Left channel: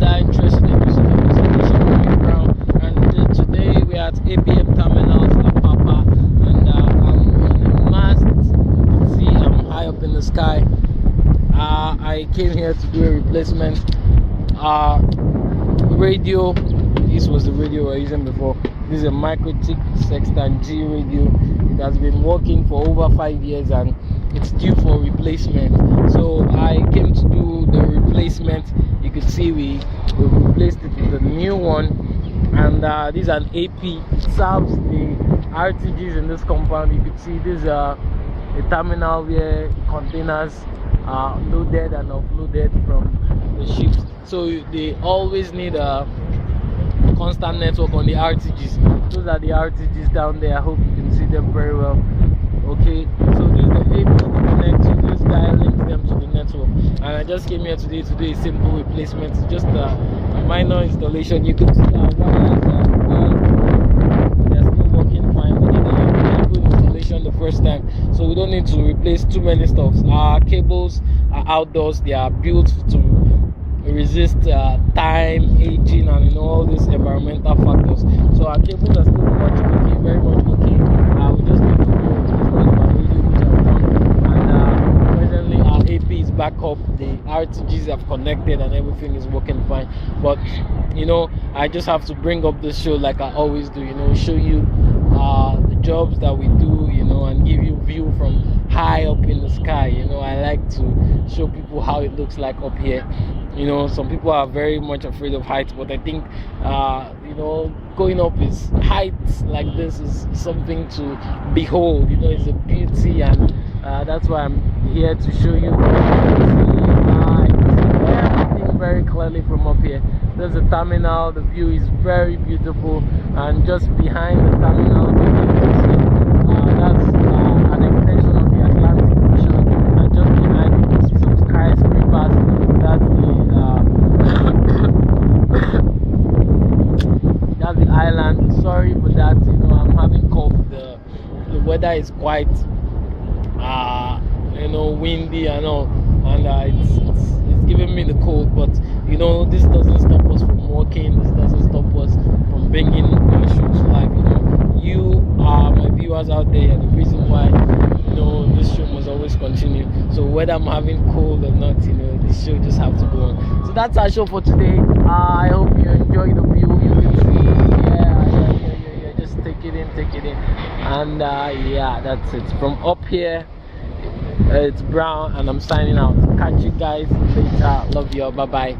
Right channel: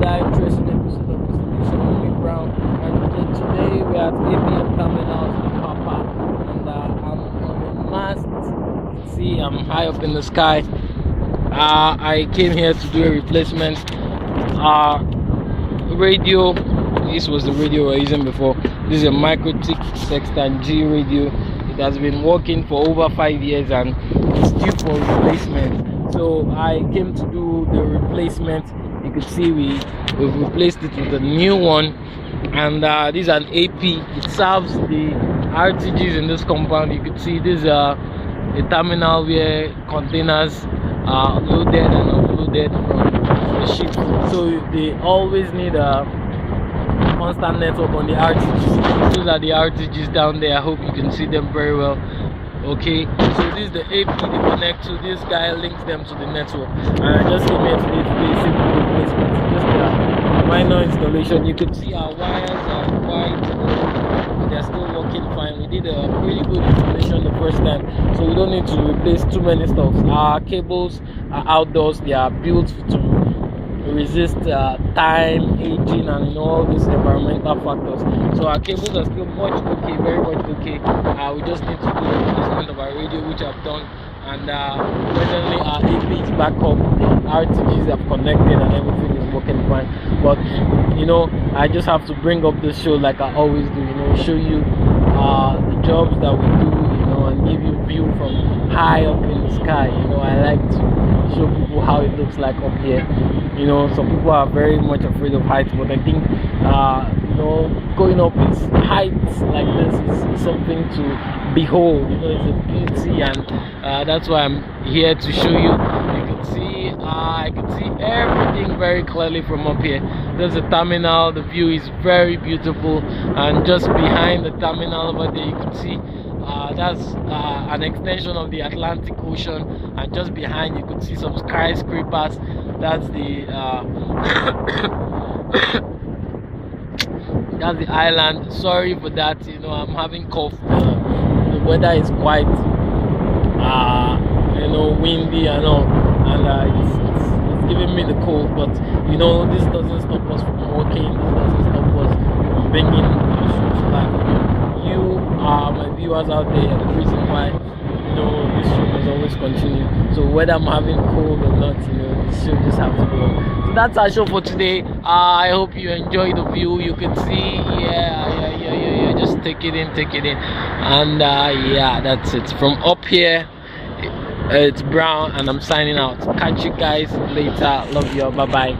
another interesting episode of this edition with me, Brown. And today we are at APM Terminals in Apapa, and I'm on the mast. You can see I'm high up in the sky. I came here to do a replacement radio. This was the radio we were using before. This is a mikrotik Sextant G radio. It has been working for over 5 years and it's due for replacement. So I came to do the replacement. You could see we've replaced it with a new one, and this is an AP. It serves the RTGs in this compound. You could see this is a terminal where containers are loaded and offloaded from the ship. So they always need a constant network on the RTGs. Those are the RTGs down there. I hope you can see them very well. Okay, so this is the AP they connect to. This guy links them to the network, and I just came here today to do a simple replacement. It's just a minor installation. You can see our wires are quite old. They're still working fine. We did a really good installation the first time, so we don't need to replace too many stuff. Our cables are outdoors. They are built to resist time, aging, and all these environmental factors. So our cables are still much okay, very much okay. We just need to do a replacement of our radio, which I've done, and presently our AP is back up. The RTGs have connected and everything is working fine. But you know, I just have to bring up this show like I always do. You know, show you the jobs that we do, you know, and give you view from high up in the sky. You know, I like to show people how it looks like up here. You know, some people are very much afraid of heights, but I think you know, going up is heights like this is something to behold. You know, it's a beauty, and that's why I'm here to show you. I can see everything very clearly from up here. There's a terminal. The view is very beautiful, and just behind the terminal over there, you can see that's an extension of the Atlantic Ocean, and just behind you can see some skyscrapers. That's the that's the island. Sorry for that, you know, I'm having cough. The weather is quite you know, windy and all, and it's giving me the cold. But you know, this doesn't stop us from working. This doesn't stop us from bringing issues to life. You are my viewers out there, the reason why, you know, this show must always continue. So whether I'm having cold or not, you know, this show just have to go on. So that's our show for today. I hope you enjoy the view. You can see, yeah, just take it in, and yeah, that's it from up here. It's Brown, and I'm signing out. Catch you guys later. Love you all. Bye bye.